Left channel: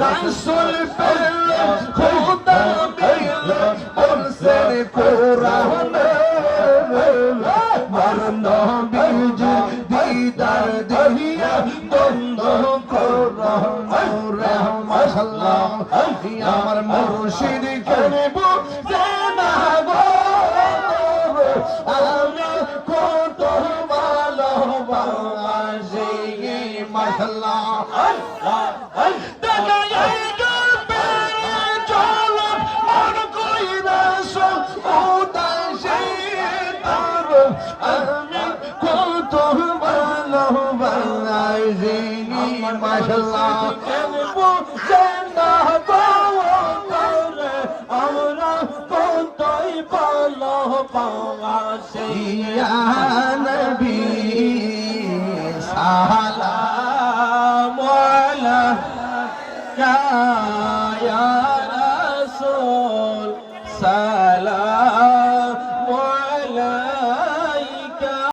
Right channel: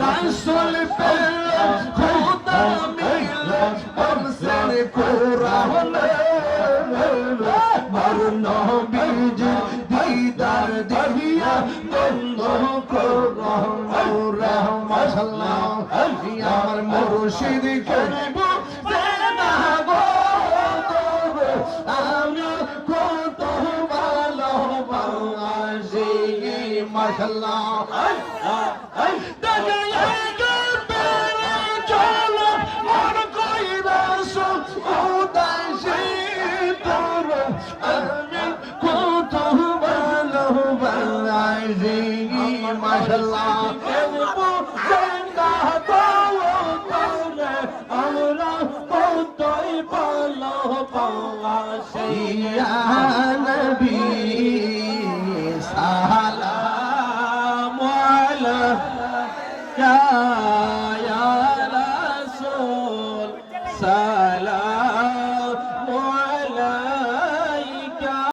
রাসূল পেলেন খোদা মিলে বলছেন কোরআনে আমার নবীজি দিদার দেখিয়া বন্ধ কোরআন মাশাআল্লাহ আমার মুর্শিদ করব জানা গো আমরা কত ভালোবাসি মাশাআল্লাহ মাশাআল্লাহ আমরা কতই ভালোবাসি ইয়া নবী সালাম আলাইকা ইয়া রাসূল সালাম